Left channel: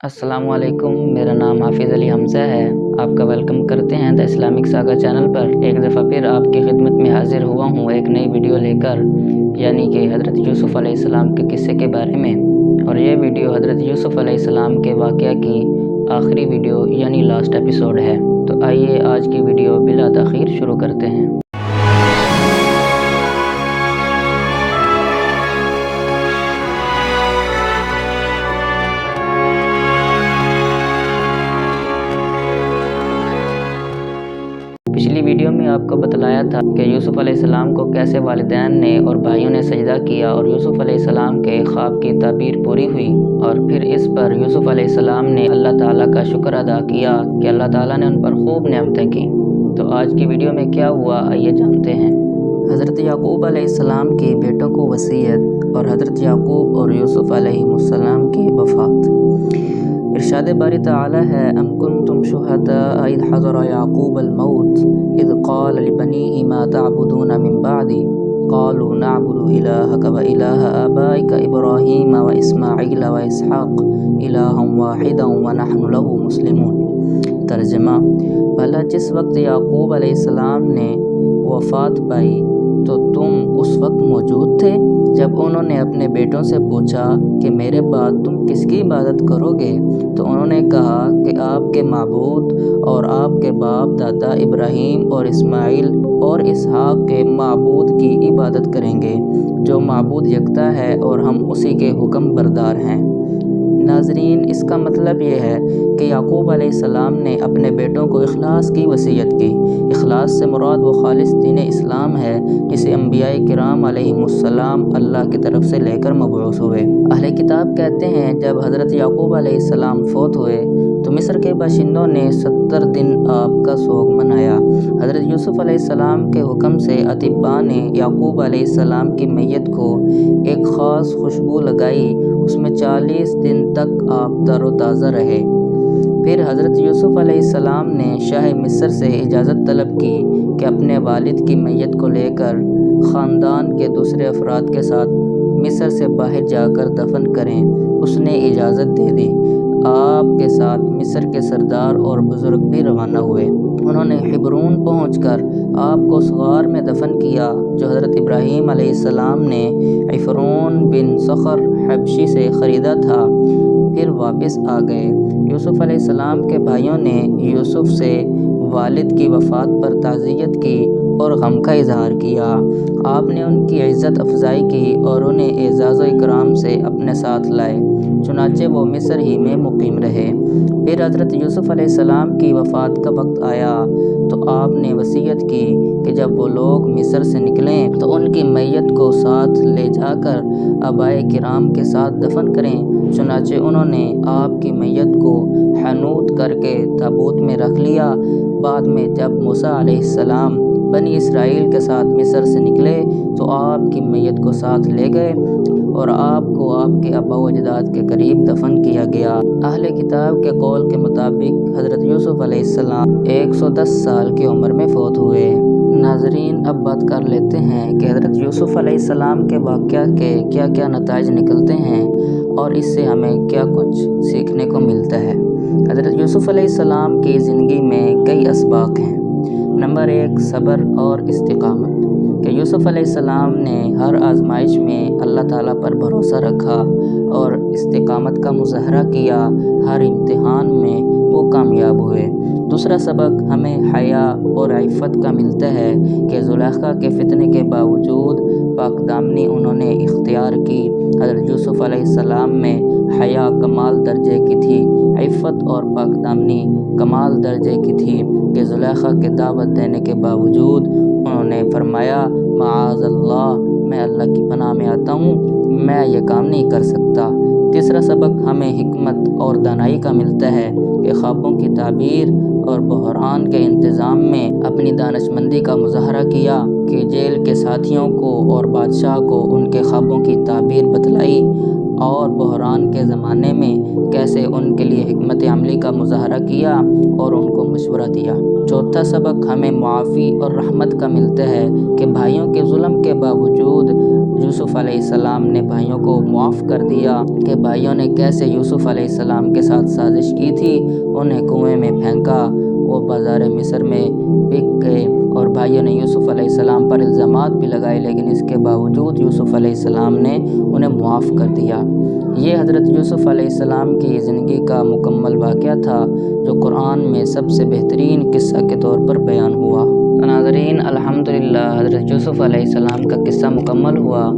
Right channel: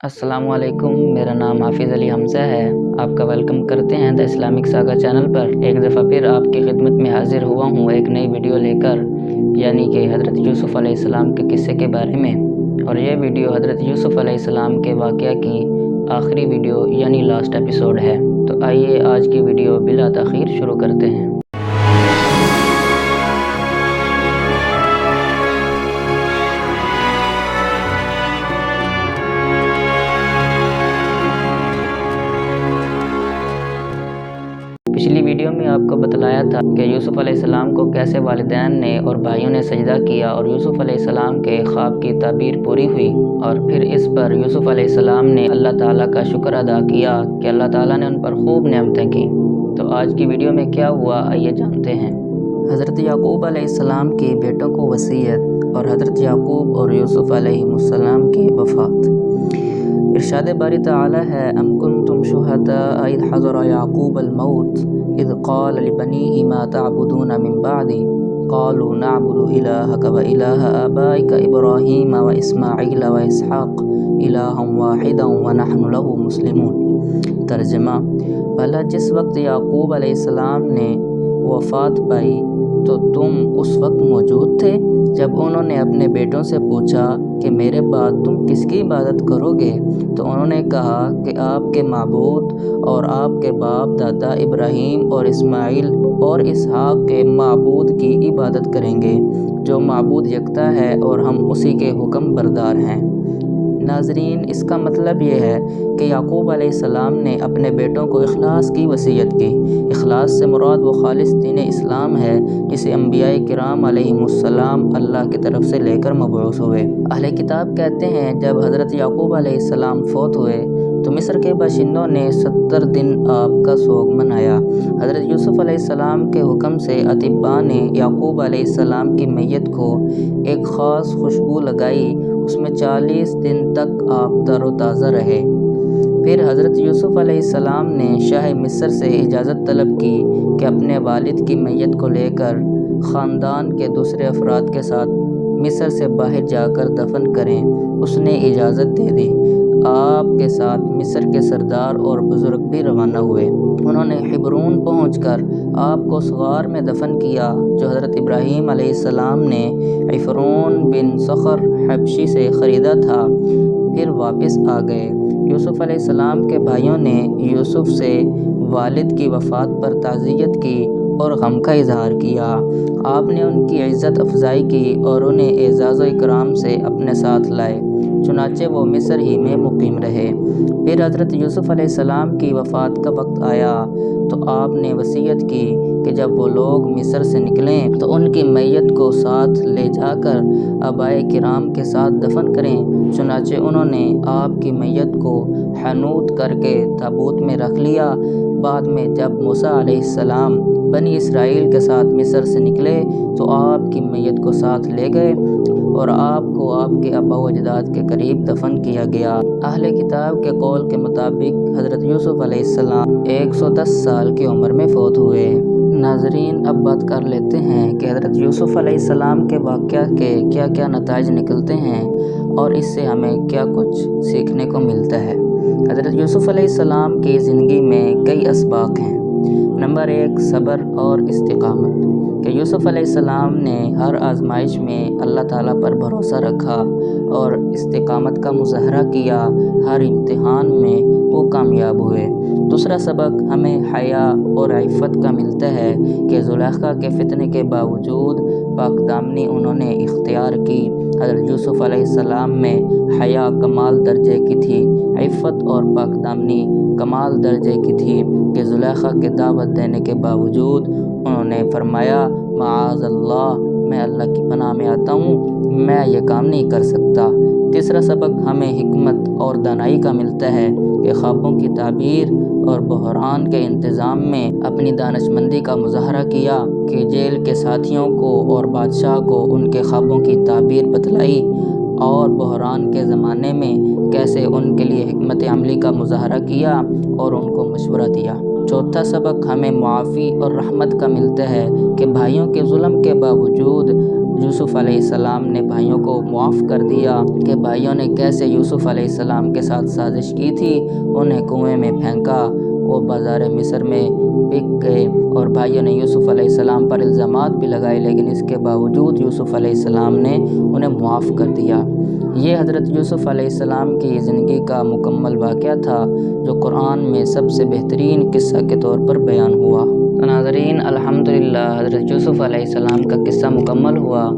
अस्सलाम वालेकुम। मेरा नाम हाफिज़ अली हमज़ा है। आपका वेलकम करते हैं द इस्लामिक सागा चैनल पर। एक दफ़ा फिर आपकी खिदमत में हाज़िर हुआ हूँ एक नई वीडियो लेकर, यानी कि हज़रत यूसुफ़ अलैहिस्सलाम के किस्से के बारे में। और ये वीडियो हज़रत यूसुफ़ अलैहिस्सलाम के वाक़या की आखिरी वीडियो यानी लास्ट एपिसोड है। तो आइए आज की वीडियो बिला तख़ीर शुरू करते हैं। पिछली वीडियो में आपको बतलाया था कि यूसुफ़ अलैहिस्सलाम को कैसे वालिदैन ने और भाइयों ने सजदा किया और यूसुफ़ अलैहिस्सलाम के ख्वाब की ताबीर पूरी हुई। और फिर इस पर यूसुफ़ अलैहिस्सलाम ने अल्लाह ताला का शुक्र अदा किया कि अल्लाह ताला ने उन पर खूब नेमतें की। तो आज की वीडियो में क्या हुआ आइए जानते हैं। हज़रत याकूब अलैहिस्सलाम की बेटों को वसीयत और हज़रत याकूब और यूसुफ़ अलैहिस्सलाम की वफ़ात। इरशाद बारी तआला है, अम कुंतुम शुहदा इज़ हज़रा याकूब अल-मौत इज़ क़ाल लिबनीहि मा तअबुदून मिन बअदी क़ालू नअबुदु इलाहक व इलाह आबाइक इब्राहीम व इस्माईल व इसहाक़ इलाहन वाहिदन व नहनु लहु मुस्लिमून। तर्जुमा, भला जिस वक्त याकूब अलैहिस्सलाम ने वफ़ात पाई तो तुम उस वक्त मौजूद थे जब उन्होंने अपने बेटों से पूछा कि मेरे बाद तुम किसकी इबादत करोगे? तो उन्होंने कहा कि आपके माबूद और आपके बाप दादा इब्राहीम और इस्माइल और इसहाक़ के माबूद की इबादत करेंगे जो माबूद यकता है और हम उसी के हुक्म बरदार हैं। नाज़रीन, इसका मतलब ये है कि याकूब अलैहिस्सलाम ने अपने बेटों को इखलास की वसीयत की। इखलास से मुराद वो खालिस दीन इस्लाम है जिसे अंबियाए किराम अलैहिमुस्सलाम अल्लाह की तरफ से लेकर मबऊस हुए। अहले किताब कहते हैं जब हज़रत याकूब अलैहिस्सलाम फौत हुए तो मिस्र के बाशिंदों ने 70 दिन आपका सोग मनाया। हज़रत यूसुफ़ अलैहिस्सलाम के हुक्म से अतिब्बा ने याकूब अलैहिस्सलाम की मैयत को एक ख़ास खुशबू लगाई। उसमें 40 दिन तक आप तरोताज़ा रहे। फिर हज़रत यूसुफ़ अलैहिस्सलाम ने शाह मिस्र से इजाज़त तलब की कि अपने वालिद की मैयत को लेकर ख़ानदान के दूसरे अफराद के साथ मिस्र से बाहर जाकर दफन करें। उसने इजाज़त दे दी। आपके साथ मिस्र के सरदार और बुज़ुर्ग भी रवाना हुए। उन्होंने हिब्रून पहुंचकर आपको उस गार में दफन किया जो हज़रत इब्राहीम अलैहिस्सलाम ने इफ़रून बिन सखर हबशी से ख़रीदा था। फिर वापस आ गए। यूसुफ़ अलैहिस्सलाम के भाइयों ने यूसुफ़ से वालिद की वफ़ात पर ताज़ियत की और गम का इजहार किया। आपने उनकी इज़्ज़त अफजाई की और उन्हें एज़ाज़ व इकराम से अपने साथ लाए। चुनाचे वो मिस्र ही में मुकीम रहे। फिर हज़रत यूसुफ़ अलैहिस्सलाम की वफ़ात का वक्त आया तो आपने वसीयत की कि जब वो लोग मिस्र से निकलें तो उनकी मैयत को साथ ले जाकर आबाए किराम के साथ दफन करें। चुनाचे उन्होंने आपकी मैयत को हनूत करके ताबूत में रख लिया। बाद में जब मूसा अलैहिस्सलाम बनी इसराइल के साथ मिस्र से निकले तो आपकी मैयत को साथ ले गए और आपको आपके अब्बा व अजदाद के करीब दफन किया गया। अहले किताब के कौल के मुताबिक हज़रत यूसुफ़ अलैहिस्सलाम 110 साल की उम्र में फ़ौत हुए। नाज़रीन, अब बात कर लेते हैं कि हज़रत यूसुफ़ अलैहिस्सलाम के वाक़या के क्या क्या नताइज निकलते हैं और इससे हमें क्या कुछ सीखने को मिलता है। हज़रत यूसुफ़ अलैहिस्सलाम की ज़िंदगी में कई असबाक़ हैं। नंबर 1, सब्र और इस्तिक़ामत। कि यूसुफ़ अलैहिस्सलाम ने हर आजमाइश में अल्लाह ताला पर भरोसा रखा और इस्तिक़ामत का मुज़ाहरा किया। हर इम्तिहान में वो कामयाब हुए। दूसरा सबक हमें हया और इफ़्फ़त का मिलता है कि ज़ुलेखा के फ़ितने के बावजूद पाकदामनी उन्होंने इख्तियार की। हज़रत यूसुफ़ अलैहिस्सलाम में हया कमाल दर्जे की थी, इफ़्फ़त और पाकदामनी कमाल दर्जे की थी कि ज़ुलेखा के दावत देने के बावजूद उन्होंने फरमाया, माअज़ल्लाह, मैं अल्लाह की पनाह में आता हूँ, मैं ये काम नहीं कर सकता। तीसरा सबक हमें हिकमत और दानाई का मिलता है कि ख्वाबों की ताबीर और बहरान के इंतज़ाम में अपनी दानशमंदी का मुज़ाहरा किया कि जेल के साथियों को और बादशाह को उनके ख्वाबों की ताबीर बतलाई और बहरान के ज़माने में कैसे उनके लिए हिकमत अमली का मुज़ाहरा किया और उनको मशवरा दिया। चौथा सबक हमें मुआफ़ी और रहमत का मिलता है कि भाइयों के जुल्म के बावजूद یوسف علیہ السلام نے بھائیوں کو معاف کر دیا کہ بھائیوں نے کیسے یوسف علیہ السلام کے ساتھ سازش کی تھی، انہیں کنویں میں پھینکا، وہ بازار مصر میں بک گئے اور بھائیوں نے یوسف علیہ السلام پر الزامات بھی لگائے، لیکن اس کے باوجود یوسف علیہ السلام نے انہیں معاف کر دیا۔ یہ حضرت یوسف علیہ السلام کی زندگی کا مکمل واقعہ تھا جو قرآن میں سب سے بہترین قصہ کے طور پر بیان ہوا۔ ناظرین، الحمدللہ حضرت یوسف علیہ السلام کا قصہ مکمل ہوا۔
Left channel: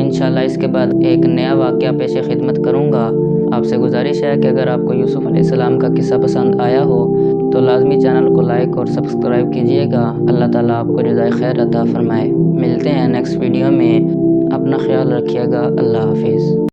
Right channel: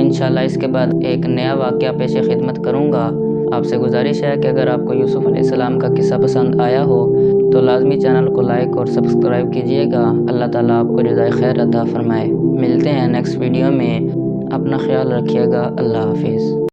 انشاءاللہ اس کے بعد ایک نیا واقعہ پیش خدمت کروں گا۔ آپ سے گزارش ہے کہ اگر آپ کو یوسف علیہ السلام کا قصہ پسند آیا ہو تو لازمی چینل کو لائک اور سبسکرائب کیجیے گا۔ اللہ تعالیٰ آپ کو جزائے خیر عطا فرمائے۔ ملتے ہیں نیکسٹ ویڈیو میں، اپنا خیال رکھیے گا۔ اللہ حافظ۔